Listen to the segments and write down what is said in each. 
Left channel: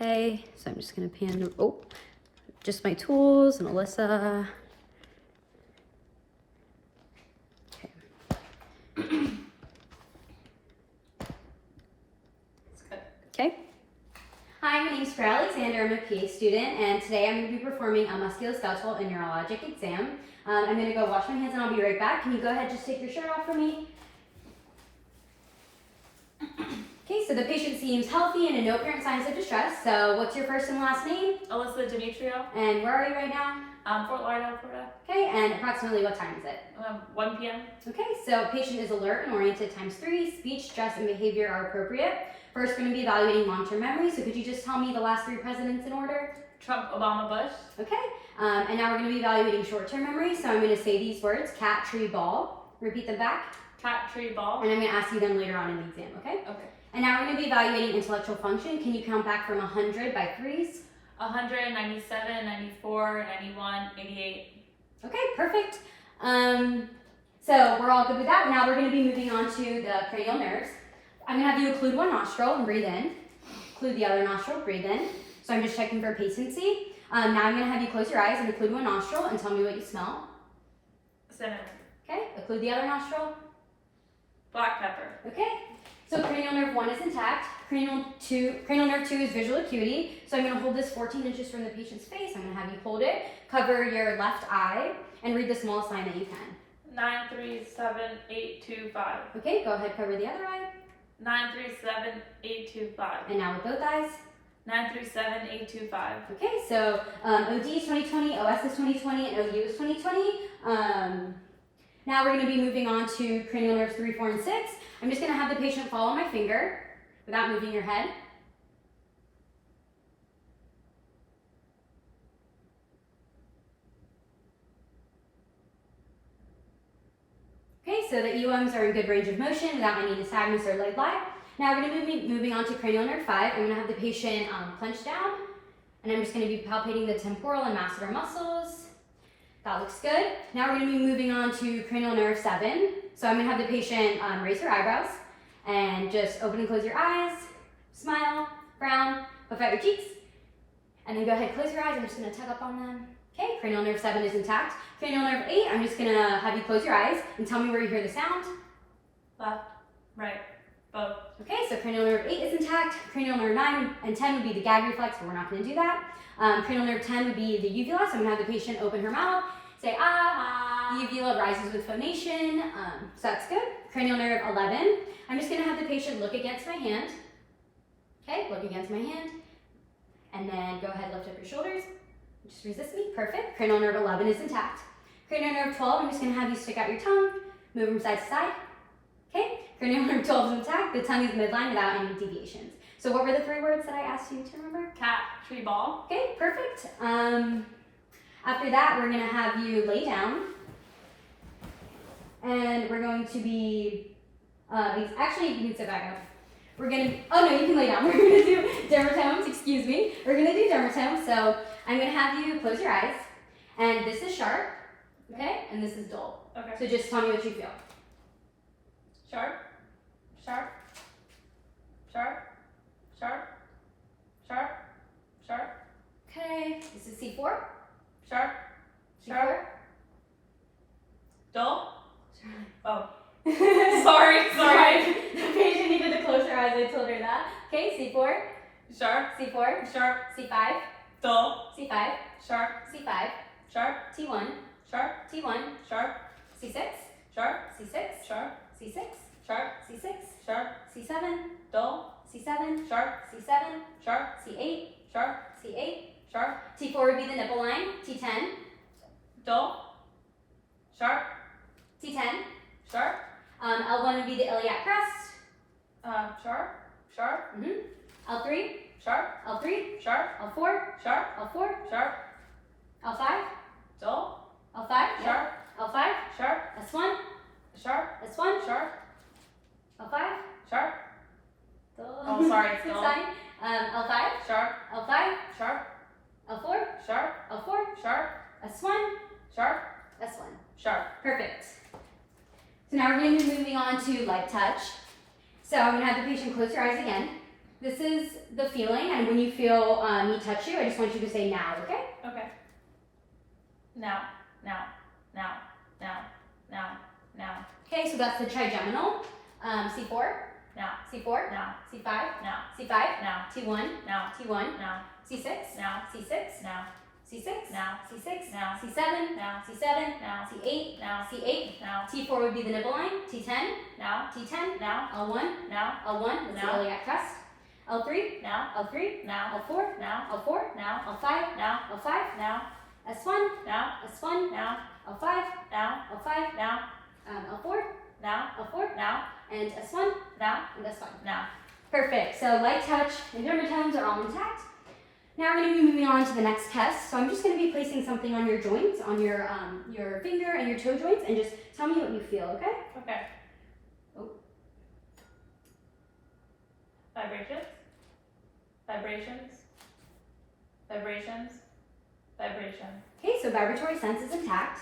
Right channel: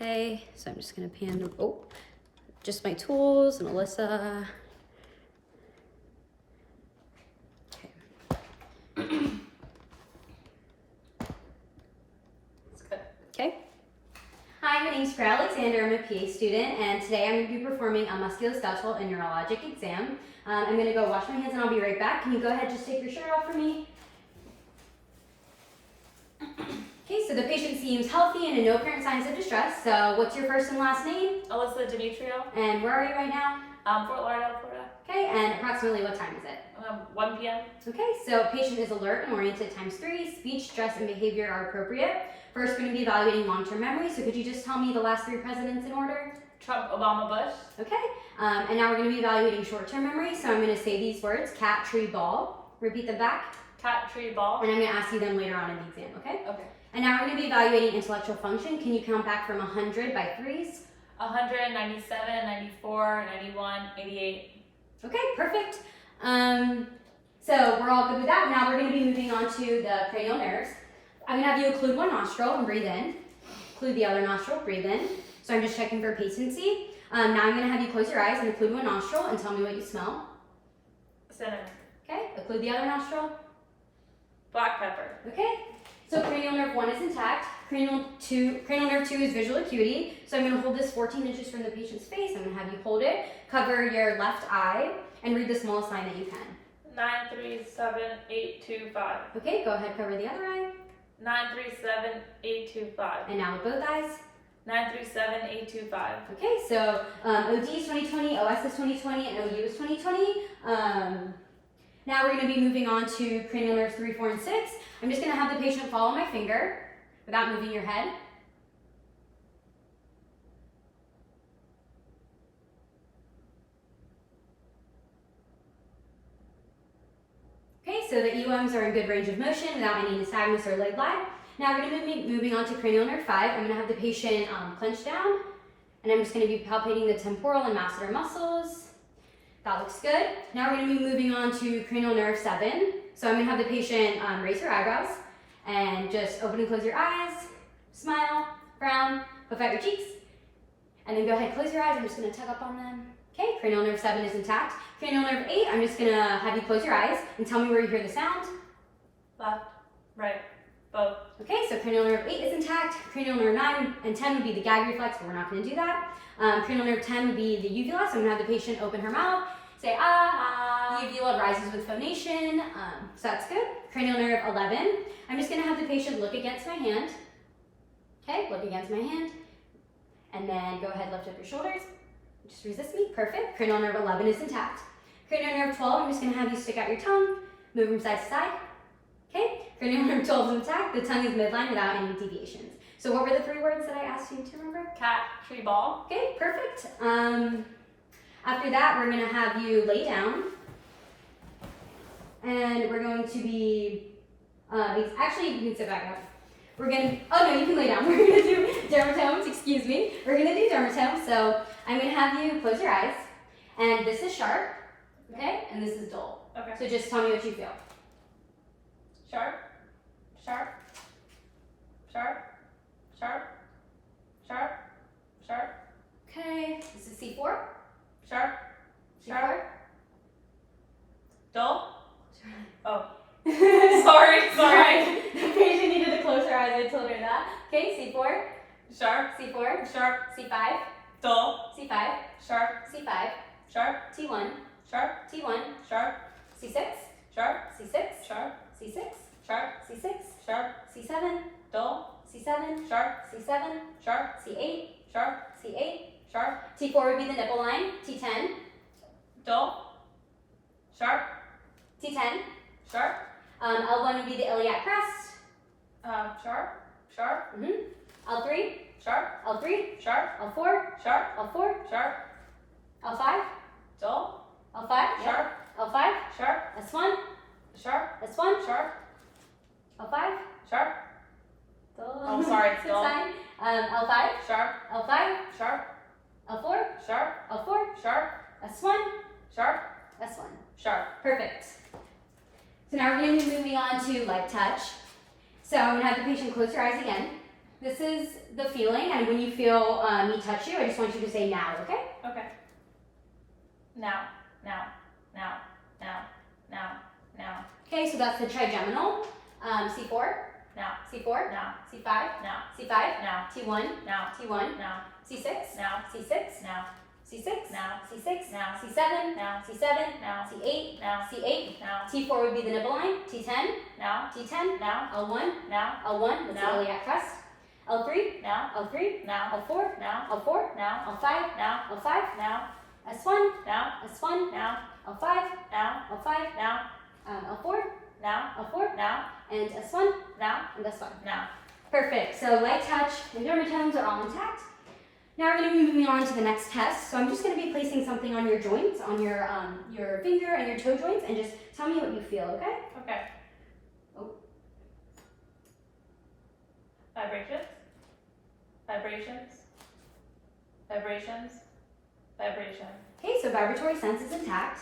Okay, so I'm just gonna pan you, oh, just my tools and Alyssa. Okay. Hi, my name's Fred Alexander. I'm a PA student, and today I'm going to be performing a musculoskeletal and neurologic exam. I'm going to go wash my hands and I'll be right back. Can you go ahead and just take your shirt off for me? Okay, so the patient seems healthy and in no apparent signs of distress. So what's your first and last name? Alyssa Demetrio. And where are you right now? Fort Lauderdale, Florida. Okay, and approximately what time is it? 1 p.m. Okay, so patient is alert and oriented ×3. Speech, stress, and behavior are appropriate. First, we're going to be evaluating long-term memory. So could you just tell me the last 3 presidents in order? Trump, Obama, Bush. Okay, and now we're going to be evaluating short-term memory. So I'm going to say these words: cat, tree, ball. Repeat them back. Cat, tree, ball. And I'm going to ask you them later on in the exam, okay? Okay. And now we're going to be evaluating intellectual function. Can you count back from 100 by 3s? 100, 97, 94, 91, 88. Okay, perfect. So we're all good with that. Now we're going to be moving on to the cranial nerves. I'm going to have you occlude one nostril and breathe in. Occlude the other nostril, breathe in. So I'm just checking for patency. Now I'm going to have you close your eyes and occlude one nostril and tell me what you smell. Cinnamon. Okay, occlude the other nostril. Black pepper. Okay, so cranial nerve 1 is intact. Cranial nerve 2 is visual acuity. So I'm going to hold this 14 inches from the patient's face. I'm going to have you hold it, cover your left eye, and read the smallest sign that you can. 937825. Okay, go ahead, cover the other eye. 937825. And now with both eyes. 937825. Okay, so OD is 2020, OS is 2020, and OU is 2020. Now we're going to be moving on to cranial nerves 3, 4, and 6. I'm just going to have the patient follow my finger without moving your head. Okay, so the EOMs are in good range of motion without any nystagmus or leg lie. Now we're going to be moving on to cranial nerve 5. I'm going to have the patient clench down, and I'm just going to be palpating the temporal and masseter muscles. That looks good. Now we're going to be moving on to cranial nerve 7. So I'm going to have the patient raise her eyebrows and just open and close your eyes, smile, frown, puff out your cheeks, and then go ahead, close your eyes. I'm just going to tug up on them. Okay, cranial nerve 7 is intact. Cranial nerve 8, I'm just going to have you close your eyes and tell me where you hear the sound. Left, right, both. Okay, so cranial nerve 8 is intact. Cranial nerve 9 and 10 would be the gag reflex, but we're not going to do that. Cranial nerve 10 would be the uvula, so I'm going to have the patient open her mouth, say ah. The uvula rises with phonation, so that's good. Cranial nerve 11, I'm just going to have the patient look against my hand. Okay, look against my hand. And then go ahead, lift up your shoulders. Just resist me, perfect. Cranial nerve 11 is intact. Cranial nerve 12, I'm just going to have you stick out your tongue, move from side to side. Okay, cranial nerve 12 is intact. The tongue is midline without any deviations. So what were the 3 words that I asked you to remember? Cat, tree, ball. Okay, perfect. After that, we're going to have you lay down. And we're going to be, actually, you can sit back up. We're going to, oh no, you can lay down. We're going to do dermatomes, excuse me. We're going to do dermatomes. So I'm going to have you close your eyes. And this is sharp, okay? And this is dull. Okay. So just tell me what you feel. Sharp, sharp, sharp, sharp, sharp, sharp. Okay, this is C4. Sharp, C4. dull. Oh, Sorry. sorry. The patient needed to close her eyes. I told her that. Okay, C4, Sharp, C4, sharp, C5, dull. C5, Sharp, C5, sharp, T1, sharp, T1, sharp, C6, sharp, C6, sharp, C6, sharp, C6, sharp, C7, dull. C7, Sharp, C7, sharp, C8, sharp, C8. sharp, T4 would be the nipple line. T10, dull. Sharp, T10. sharp, L1 would be the iliac crest. sharp, sharp, L3, sharp, L3, sharp, L4, sharp, L4, sharp, L5, dull. L5, Sharp, L5, sharp, S1, sharp, S1, sharp, L5. sharp. Dull. Oh, sorry, it's It's dull. fine. L5, Sharp, L5, sharp, L4, sharp, L4, sharp, S1, sharp, S1. sharp. Perfect. So now we're going to be moving on to light touch. So I'm going to have the patient close your eyes again. This is the feeling, and when you feel me touch you, I just want you to say now, okay? Okay. Now, now, now, now, now, now. Okay, so that's the trigeminal. C4, Now, C4, now, C5, now, C5, now, T1, now, T1, now, C6, now, C6, now, C6, now, C6, now, C7, now, C7, now, C8, now, C8, now, T4 would be the nipple line, T10, now, T10, now, L1, now, L1, that's the Now. iliac crest, L3, now, L3, now, L4, now, L4, now, L5, now, L5, now, S1, now, S1, now, L5, now, L5, now, L4, now, L4, now, and S1, now, and S1. now. Perfect. So light touch and dermatomes are all intact. Now we're going to be moving on to the next test. So I'm just going to be placing something on your joints, on your finger and your toe joints, and just tell me what you feel, okay? Okay. Oh. Vibrations, vibrations, vibrations, vibration. Okay, so vibratory sense is intact.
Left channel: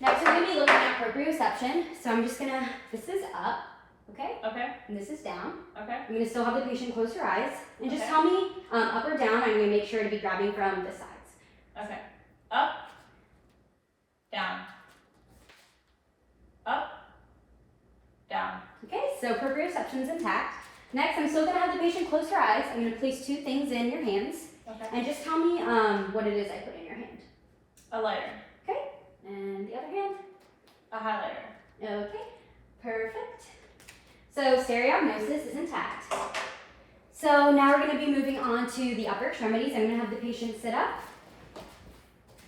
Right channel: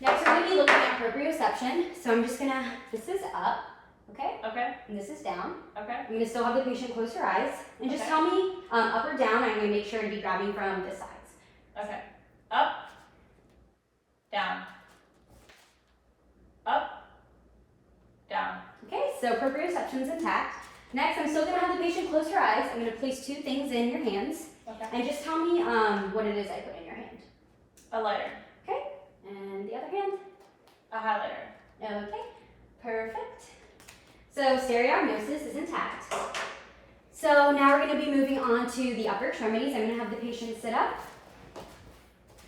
Next we're going to be looking at proprioception. So I'm just going to, this is up, okay? Okay, And this is down. okay, I'm going to still have the patient close her eyes. And just Okay. tell me up or down. I'm going to make sure to be grabbing from the sides. okay. Up, down, up, down. Okay, so proprioception is intact. Next, I'm still going to have the patient close her eyes. I'm going to place two things in your hands. Okay. And just tell me what it is I put in your hand. A lighter, Okay, and the other hand. a highlighter. Okay, perfect. So stereognosis is intact. So now we're going to be moving on to the upper extremities. I'm going to have the patient sit up.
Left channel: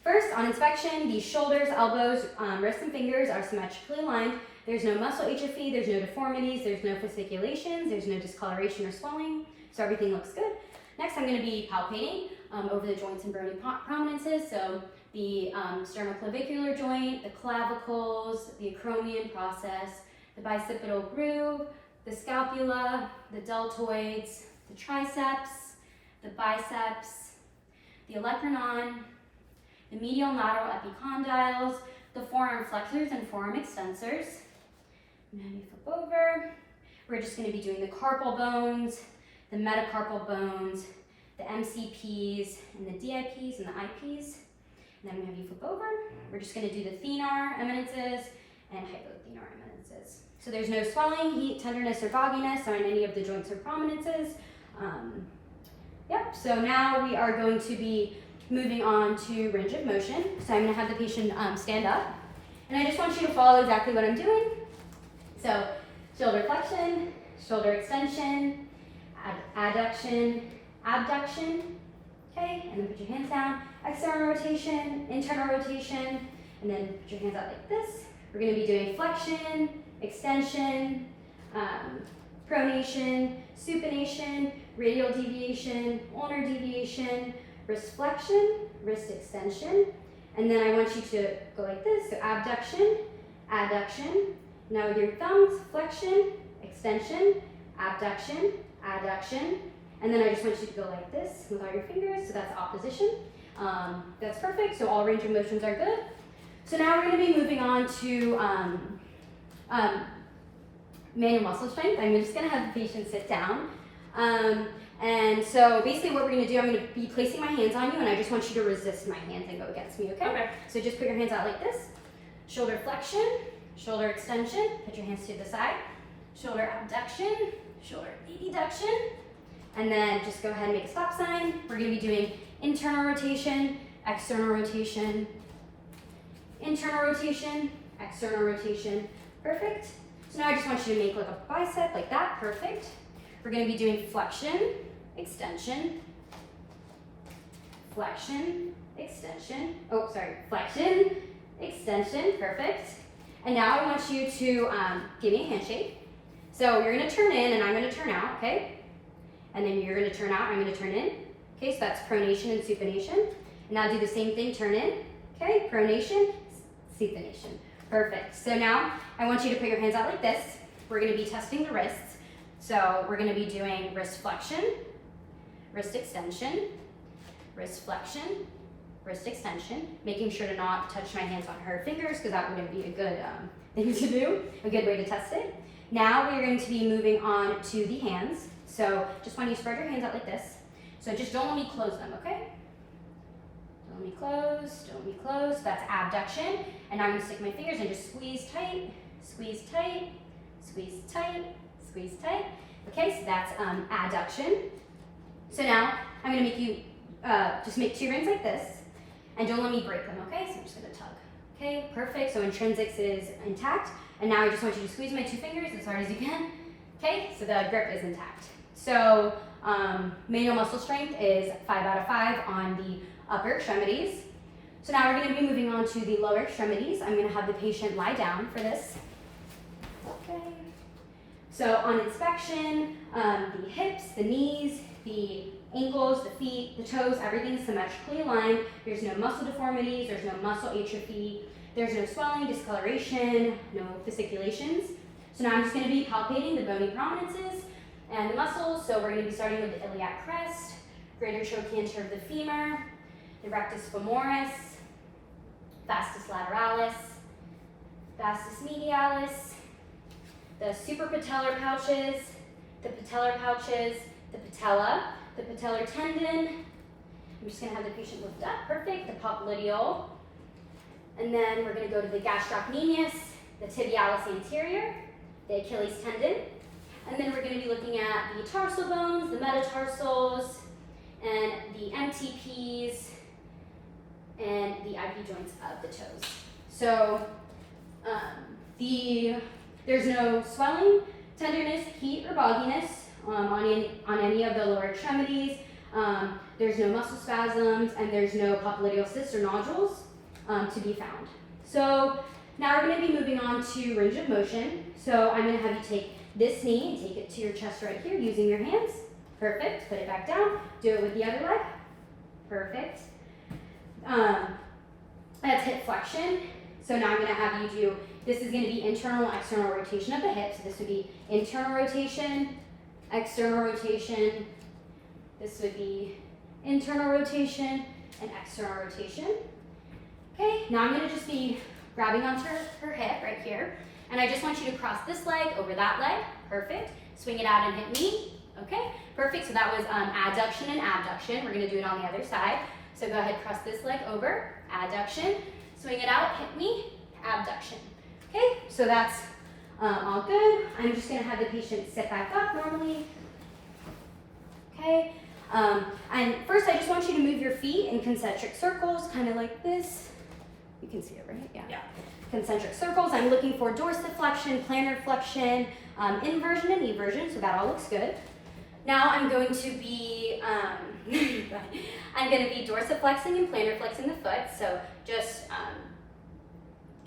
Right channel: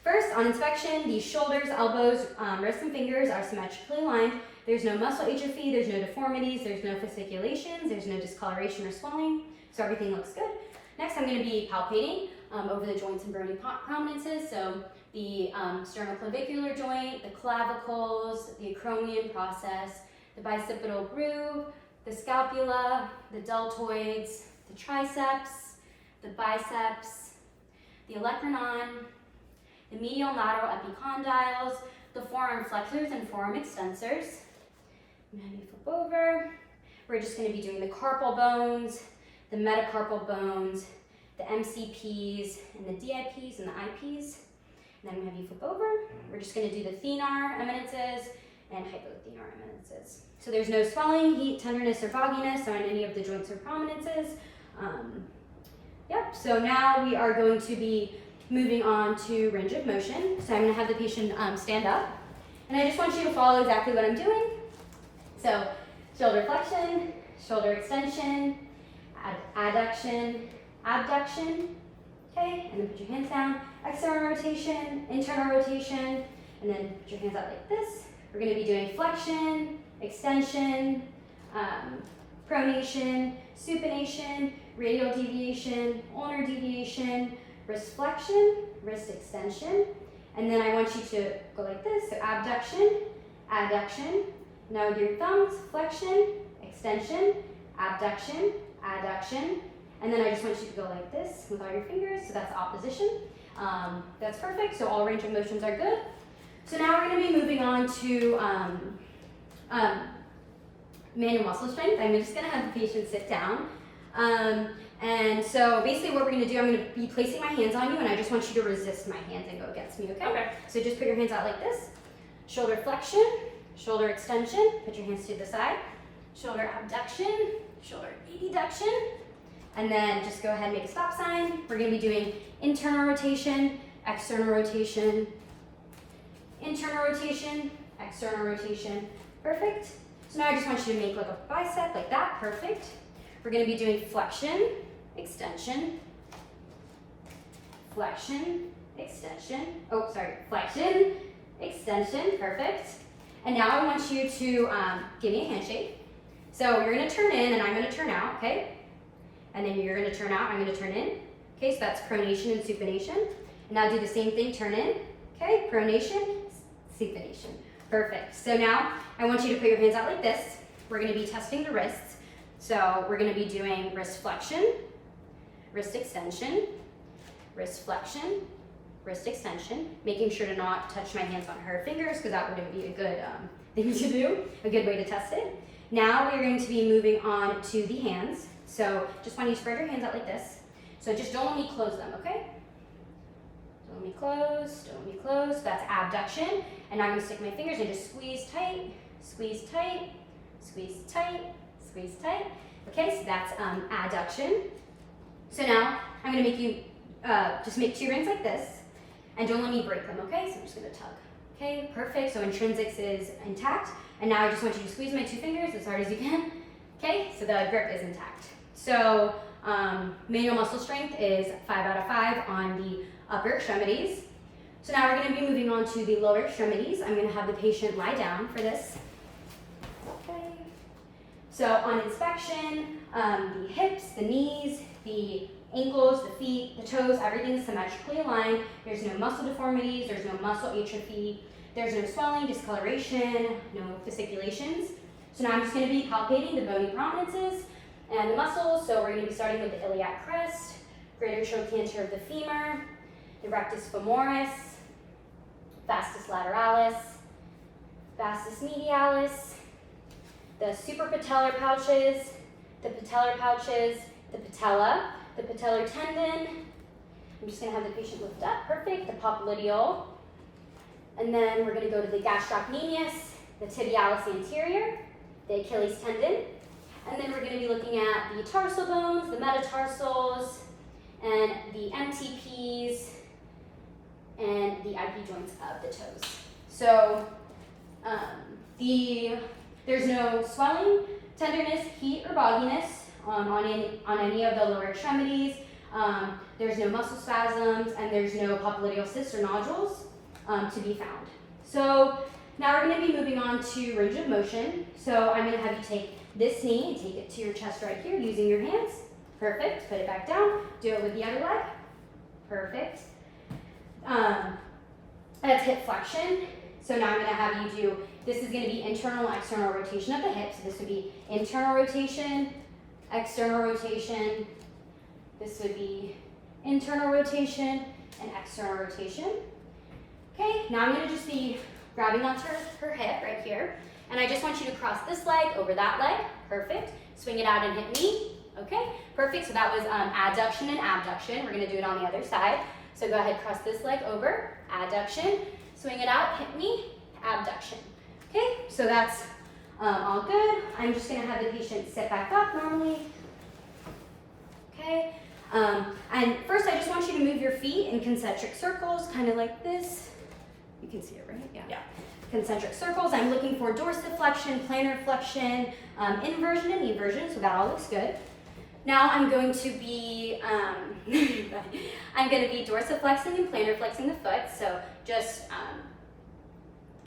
First, on inspection, the shoulders, elbows, wrists, and fingers are symmetrically aligned. There's no muscle atrophy, there's no deformities, there's no fasciculations, there's no discoloration or swelling, so everything looks good. Next, I'm going to be palpating over the joints and bony prominences, so the sternoclavicular joint, the clavicles, the acromion process, the bicipital groove, the scapula, the deltoids, the triceps, the biceps, the olecranon, the medial and lateral epicondyles, the forearm flexors and forearm extensors. And then you flip over. We're just going to be doing the carpal bones, the metacarpal bones, the MCPs, and the DIPs and the IPs. And then I'm going to have you flip over. We're just going to do the thenar eminences and hypothenar eminences. So there's no swelling, heat, tenderness, or fogginess on any of the joints or prominences. Yep, so now we are going to be moving on to range of motion. So I'm going to have the patient stand up. And I just want you to follow exactly what I'm doing. So shoulder flexion, shoulder extension, adduction, abduction. Okay, and then put your hands down. External rotation, internal rotation, and then put your hands out like this. We're going to be doing flexion, extension, pronation, supination, radial deviation, ulnar deviation, wrist flexion, wrist extension, and then I want you to go like this, so abduction, adduction. Now with your thumbs, flexion, extension, abduction, adduction, and then I just want you to go like this with all your fingers, so that's opposition. That's perfect, so all range of motions are good. So now we're going to be moving on to manual muscle strength. I'm just going to have the patient sit down. And so basically what we're going to do, I'm going to be placing my hands on you, and I just want you to resist my hands and go against me, okay? Okay. So just put your hands out like this. Shoulder flexion, shoulder extension, put your hands to the side. Shoulder abduction, shoulder adduction, and then just go ahead and make a stop sign. We're going to be doing internal rotation, external rotation, internal rotation, external rotation. Perfect. So now I just want you to make like a bicep like that. Perfect. We're going to be doing flexion, extension, flexion, extension. Oh, sorry, flexion, extension. Perfect. And now I want you to give me a handshake. So you're going to turn in and I'm going to turn out, okay? And then you're going to turn out, I'm going to turn in. Okay, so that's pronation and supination. And now do the same thing, turn in. Okay, pronation, supination. Perfect. So now I want you to put your hands out like this. We're going to be testing the wrists. So we're going to be doing wrist flexion, wrist extension, wrist flexion, wrist extension, making sure to not touch my hands on her fingers because that wouldn't be a good thing to do, a good way to test it. Now we're going to be moving on to the hands. So just want you to spread your hands out like this. So just don't let me close them, okay? Don't let me close, don't let me close. That's abduction. And now I'm gonna stick my fingers and just squeeze tight, squeeze tight, squeeze tight, squeeze tight. Okay, so that's adduction. So now I'm gonna make you just make 2 rings like this, and don't let me break them, okay? So I'm just gonna tug. Okay, perfect. So intrinsics is intact. And now I just want you to squeeze my 2 fingers as hard as you can. Okay, so the grip is intact. So manual muscle strength is 5 out of 5 on the upper extremities. So now we're going to be moving on to the lower extremities. I'm going to have the patient lie down for this. Okay. So on inspection, the hips, the knees, the ankles, the feet, the toes, everything is symmetrically aligned. There's no muscle deformities, there's no muscle atrophy, there's no swelling, discoloration, no fasciculations. So now I'm just going to be palpating the bony prominences and the muscles. So we're going to be starting with the iliac crest, greater trochanter of the femur, the rectus femoris, vastus lateralis, vastus medialis, the suprapatellar pouches, the patellar pouches, the patella, the patellar tendon. I'm just going to have the patient lift up, perfect, the popliteal. And then we're going to go to the gastrocnemius, the tibialis anterior, the Achilles tendon. And then we're going to be looking at the tarsal bones, the metatarsals, and the MTPs, and the IP joints of the toes. So there's no swelling, tenderness, heat, or bogginess on any of the lower extremities. There's no muscle spasms, and there's no popliteal cysts or nodules to be found. So now we're going to be moving on to range of motion. So I'm going to have you take this knee and take it to your chest right here using your hands. Perfect. Put it back down. Do it with the other leg. Perfect. That's hip flexion. So now I'm going to have you do, this is going to be internal and external rotation of the hips. So this would be internal rotation, external rotation. This would be internal rotation and external rotation. Okay, now I'm going to just be grabbing onto her hip right here. And I just want you to cross this leg over that leg. Perfect. Swing it out and hit me. Okay, perfect. So that was adduction and abduction. We're going to do it on the other side. So go ahead, cross this leg over, adduction, swing it out, hit me, abduction. Okay, so that's all good. I'm just going to have the patient sit back up normally. Okay, and first I just want you to move your feet in concentric circles, kind of like this. You can see it, right? Yeah. Concentric circles. I'm looking for dorsiflexion, plantar flexion, inversion, and eversion, so that all looks good. Now I'm going to be dorsiflexing and plantar flexing the foot. So just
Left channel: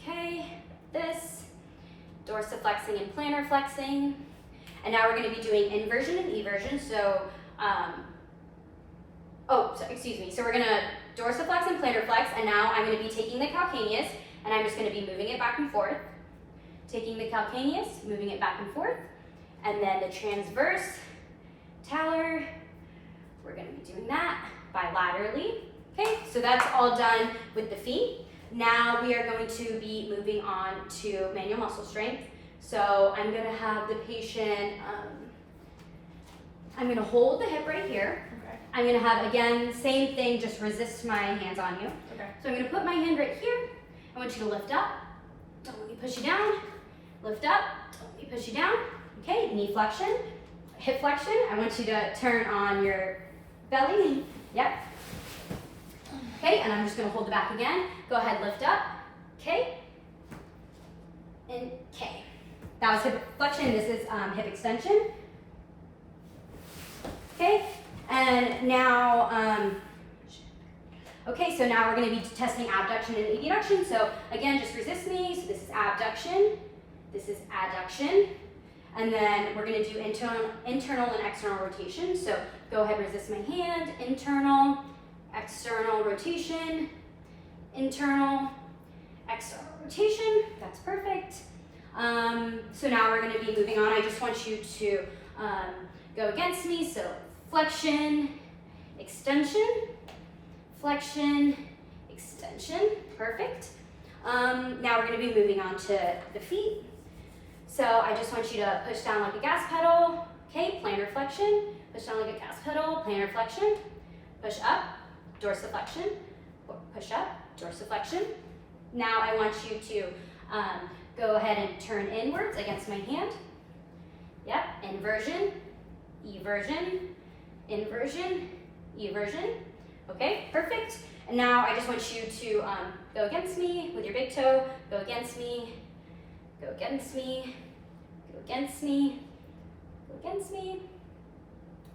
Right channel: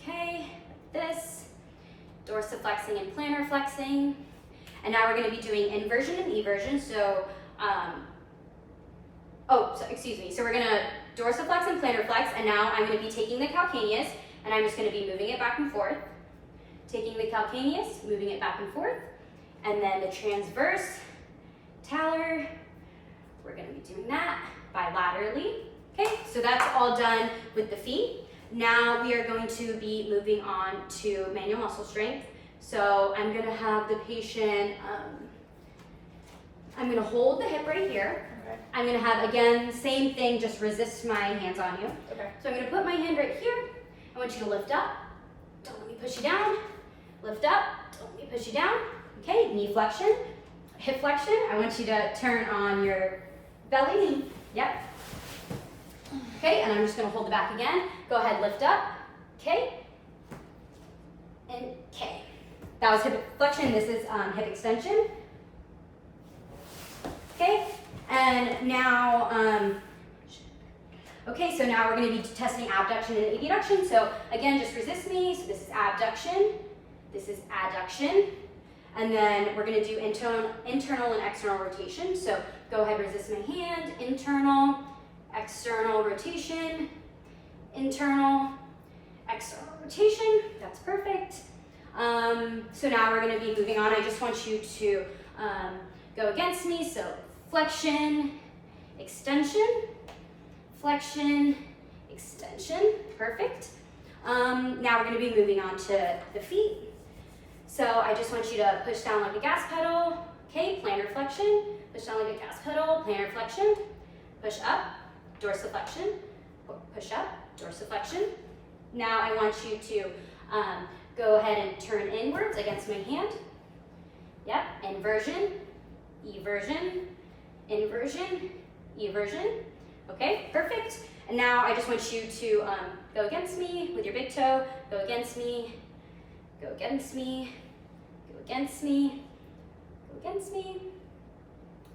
okay, this dorsiflexing and plantar flexing, and now we're going to be doing inversion and eversion. So So we're going to dorsiflex and plantar flex, and now I'm going to be taking the calcaneus, and I'm just going to be moving it back and forth. Taking the calcaneus, moving it back and forth, and then the transverse talar, we're going to be doing that bilaterally. Okay, so that's all done with the feet. Now we are going to be moving on to manual muscle strength. So I'm going to have the patient, I'm going to hold the hip right here. Okay. I'm going to have, again, same thing, just resist my hands on you. Okay. So I'm going to put my hand right here. I want you to lift up. Don't let me push you down. Lift up. Don't let me push you down. Okay, knee flexion, hip flexion. I want you to turn on your belly knee. Yep. Okay, and I'm just going to hold it back again. Go ahead, lift up. Okay. And okay. That was hip flexion. This is hip extension. Okay, and now, okay, so now we're going to be testing abduction and abduction. So again, just resist me. So this is abduction. This is adduction. And then we're going to do internal and external rotation. So go ahead, resist my hand. Internal, external rotation. Internal, external rotation. That's perfect. So now we're going to be moving on. I just want you to go against me. So flexion, extension, flexion, extension. Perfect. Now we're going to be moving on to the feet. So I just want you to push down like a gas pedal. Okay, plantar flexion, push down like a gas pedal, plantar flexion, push up, dorsiflexion, push up, dorsiflexion. Now I want you to go ahead and turn inwards against my hand. Yep, inversion, eversion, inversion, eversion. Okay, perfect. And now I just want you to go against me with your big toe, go against me, go against me, go against me, go against me.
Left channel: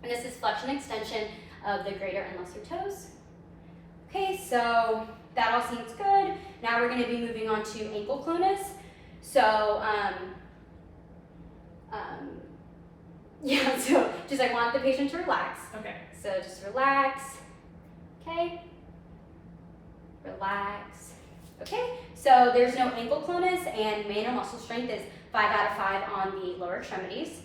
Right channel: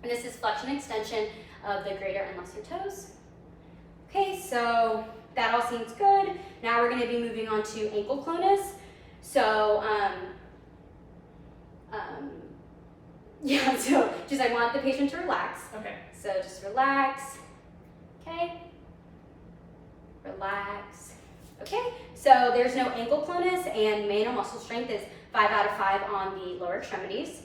And this is flexion extension of the greater and lesser toes. Okay, so that all seems good. Now we're going to be moving on to ankle clonus. So, yeah, so just I want the patient to relax. Okay. So just relax, okay? Relax. Okay, so there's no ankle clonus and manual muscle strength is 5 out of 5 on the lower extremities.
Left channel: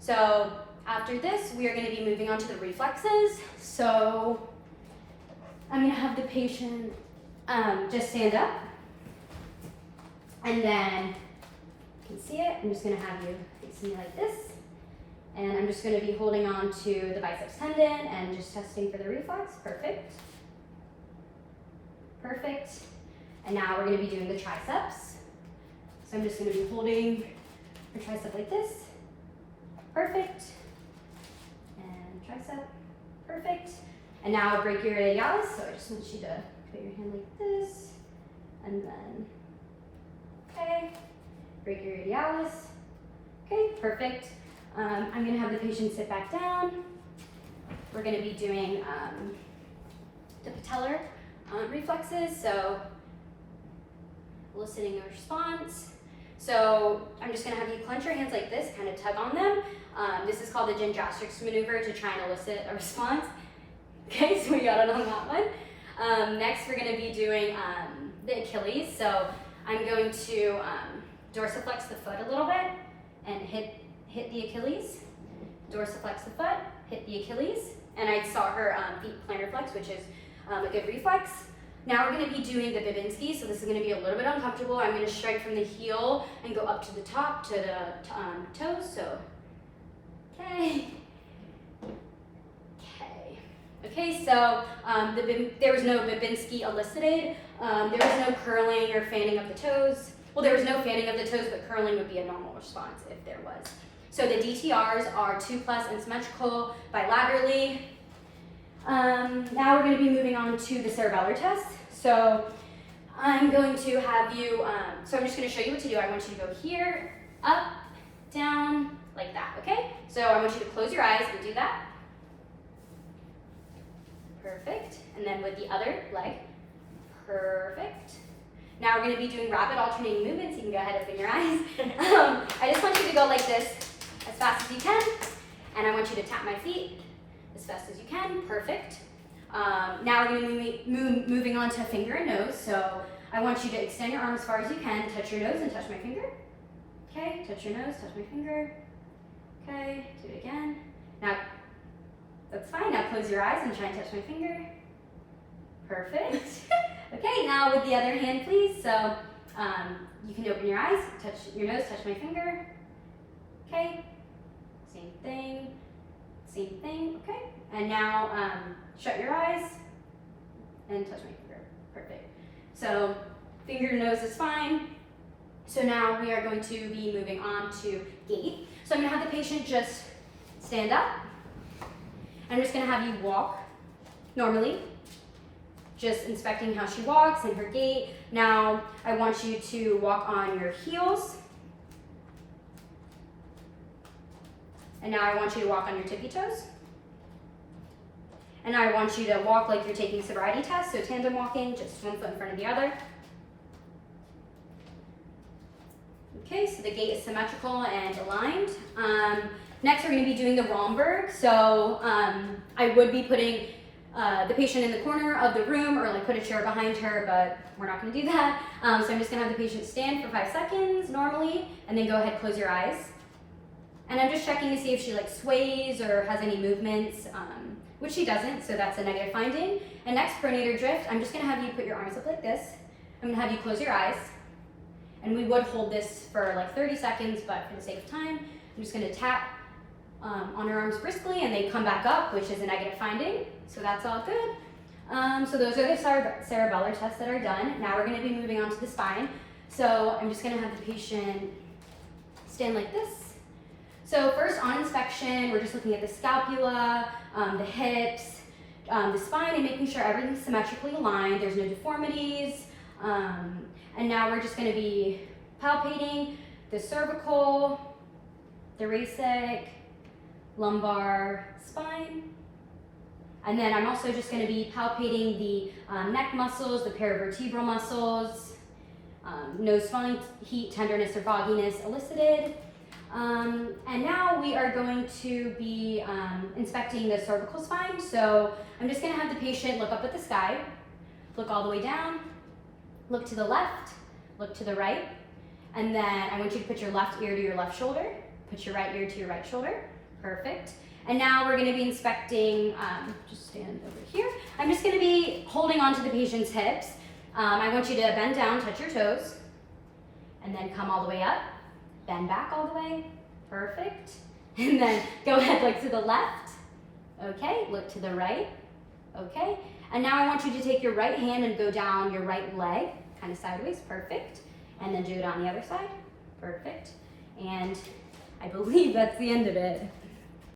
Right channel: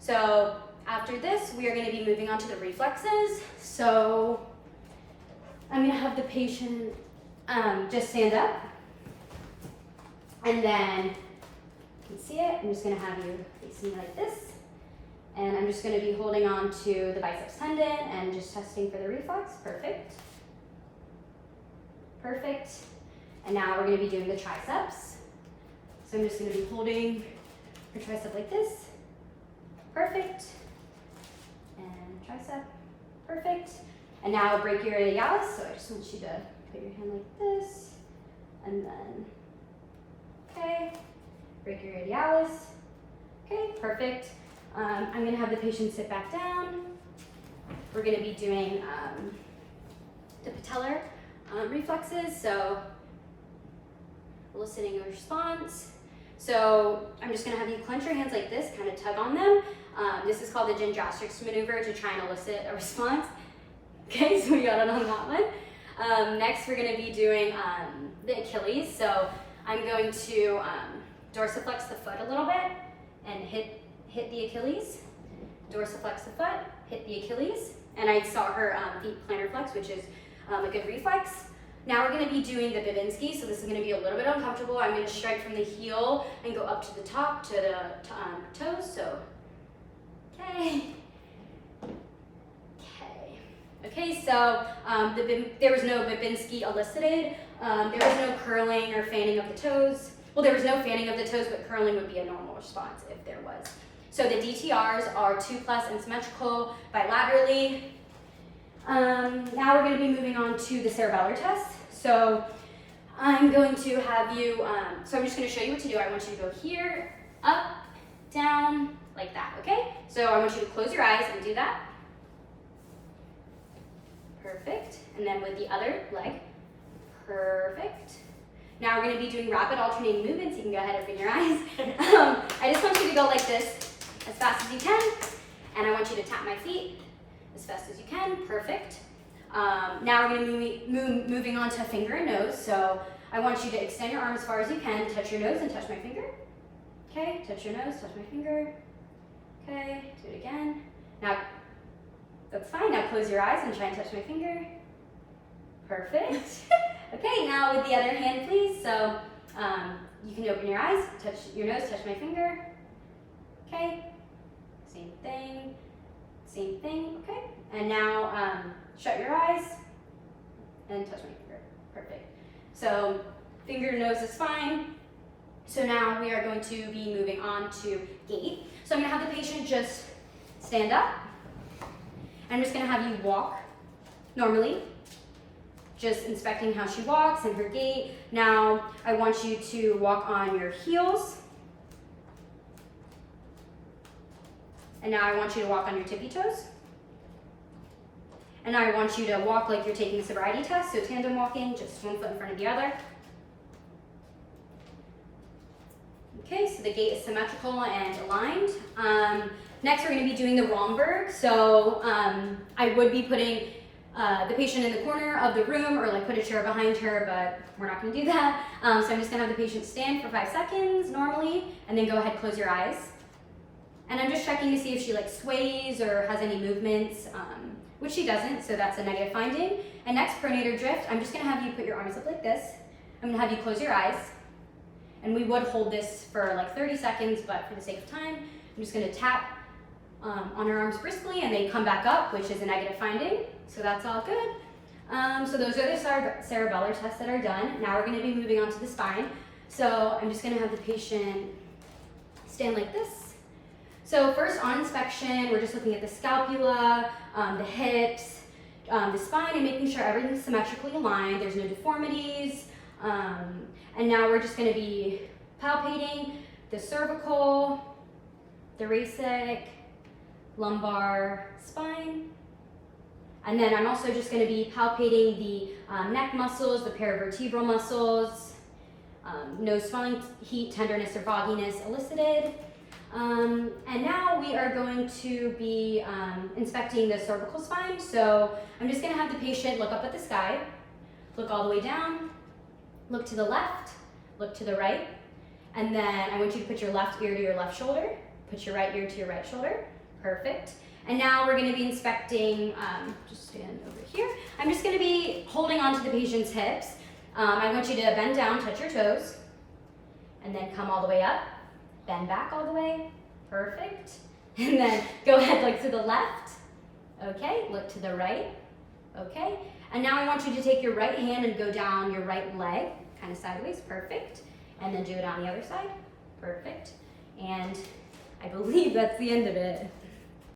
So after this, we are going to be moving on to the reflexes. So I'm going to have the patient just stand up. And then you can see it. I'm just going to have you face me like this. And I'm just going to be holding on to the biceps tendon and just testing for the reflex. Perfect. Perfect. And now we're going to be doing the triceps. So I'm just going to be holding the tricep like this. Perfect. And tricep. Perfect. And now brachioradialis. So I just want you to put your hand like this. And then, okay. Brachioradialis. Okay, perfect. I'm going to have the patient sit back down. We're going to be doing the patellar reflexes, so eliciting a response. So I'm just going to have you clench your hands like this, kind of tug on them. This is called the gymnastics maneuver to try and elicit a response. Okay, so we got it on that one. Next, we're going to be doing the Achilles. So I'm going to dorsiflex the foot a little bit and hit the Achilles, dorsiflex the foot, hit the Achilles, and I saw her feet plantar flex, which is a good reflex. Now we're going to be doing the Babinski, so this is going to be a little bit uncomfortable. I'm going to strike from the heel and go up to the top to the toes, so, okay. Okay, so there was no Babinski elicited. There was no curling or fanning of the toes. Well, there was no fanning of the toes, but curling would be a normal response if there was. So the DTRs are 2+ and symmetrical bilaterally. Now we're going to be moving on to the cerebellar test. So I'm going to have you, so I'm just going to show you what to do. I want you to go here, up, down, like that, okay? So I want you to close your eyes and do that. Perfect. And then with the other leg. Perfect. Now we're going to be doing rapid alternating movements. You can go ahead and open your eyes. I just want you to go like this as fast as you can. And I want you to tap my feet as fast as you can. Perfect. Now we're going to be moving on to finger and nose. So I want you to extend your arm as far as you can. Touch your nose and touch my finger. Okay, touch your nose, touch my finger. Okay, do it again. Now, that's fine. Now close your eyes and try and touch my finger. Perfect. Okay, now with the other hand, please. So you can open your eyes, touch your nose, touch my finger. Okay, same thing, okay. And now shut your eyes and touch my finger. Perfect. So finger to nose is fine. So now we are going to be moving on to gait. So I'm going to have the patient just stand up. I'm just going to have you walk normally, just inspecting how she walks and her gait. Now I want you to walk on your heels. And now I want you to walk on your tippy toes. And now I want you to walk like you're taking a sobriety test, so tandem walking, just one foot in front of the other. Okay, so the gait is symmetrical and aligned. Next, we're going to be doing the Romberg. So I would be putting the patient in the corner of the room or like put a chair behind her, but we're not going to do that. So I'm just going to have the patient stand for 5 seconds normally, and then go ahead, close your eyes. And I'm just checking to see if she like sways or has any movements, which she doesn't, so that's a negative finding. And next, pronator drift. I'm just going to have you put your arms up like this. I'm going to have you close your eyes. And we would hold this for like 30 seconds, but for the sake of time, I'm just going to tap on her arms briskly, and they come back up, which is a negative finding. So that's all good. So those are the cerebellar tests that are done. Now we're going to be moving on to the spine. So I'm just going to have the patient stand like this. So first on inspection, we're just looking at the scapula, the hips, the spine, and making sure everything's symmetrically aligned. There's no deformities. And now we're just going to be palpating the cervical, thoracic, lumbar, spine. And then I'm also just going to be palpating the neck muscles, the paravertebral muscles, no swelling, heat, tenderness, or fogginess elicited. And now we are going to be inspecting the cervical spine. So I'm just going to have the patient look up at the sky, look all the way down, look to the left, look to the right, and then I want you to put your left ear to your left shoulder, put your right ear to your right shoulder. Perfect. And now we're going to be inspecting, just stand over here. I'm just going to be holding onto the patient's hips. I want you to bend down, touch your toes, and then come all the way up. Bend back all the way. Perfect. And then go ahead, like to the left. Okay, look to the right. Okay. And now I want you to take your right hand and go down your right leg, kind of sideways. Perfect. And then do it on the other side. Perfect. And I believe that's the end of it.